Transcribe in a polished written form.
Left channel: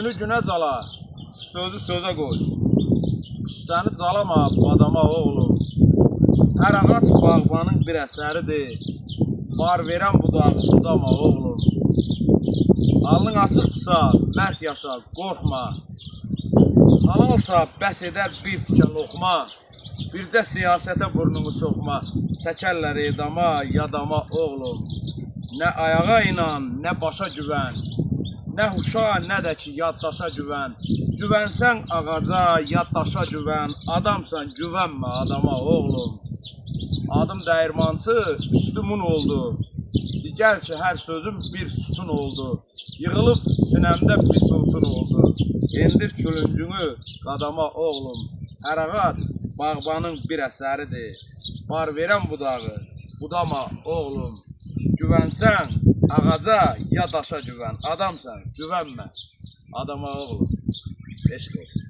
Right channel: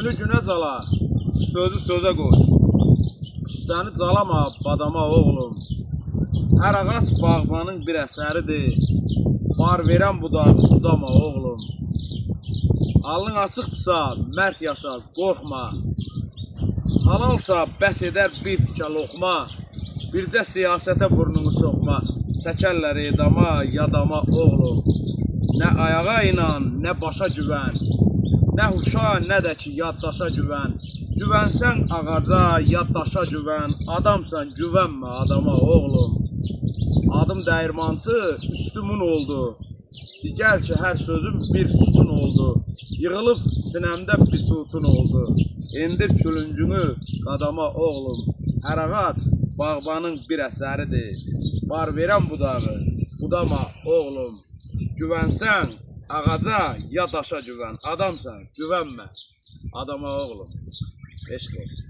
Günü günə cala, sözü sözə qoş. Üstəni calama, badama oğlum. Hər ağac bağbanın bir əsəridir. Var verən budağı budama oğlum. Alın açıqdırsa, mərd yaşa, qorxma. Halalsa bəs edər bir tikə loxma. Bircə siyasətə burnunu soxma. Çəkərlər edama, yadama oğlum. Nə ayağa inan, nə başa güvən. Nə huşa, nə də ki yaddaşa güvən. Güvənsən ağaca, yaddaşa güvən. Adamsan, güvənmə adama oğlum. Adım dəyirmançı, üstümün oldu. Digər ki hər sözüm bir sütun oldu. Yığılıb sinəmdə bir sultun oldu. Endir külüngünü qadama oğlum. Hər ağac bağbanın bir əsəridir. Var verən budağı budama oğlum. Güvənsən ağaca, ya daşa güvən. Adamsan, güvənmə adama oğlum. Eşq olsun.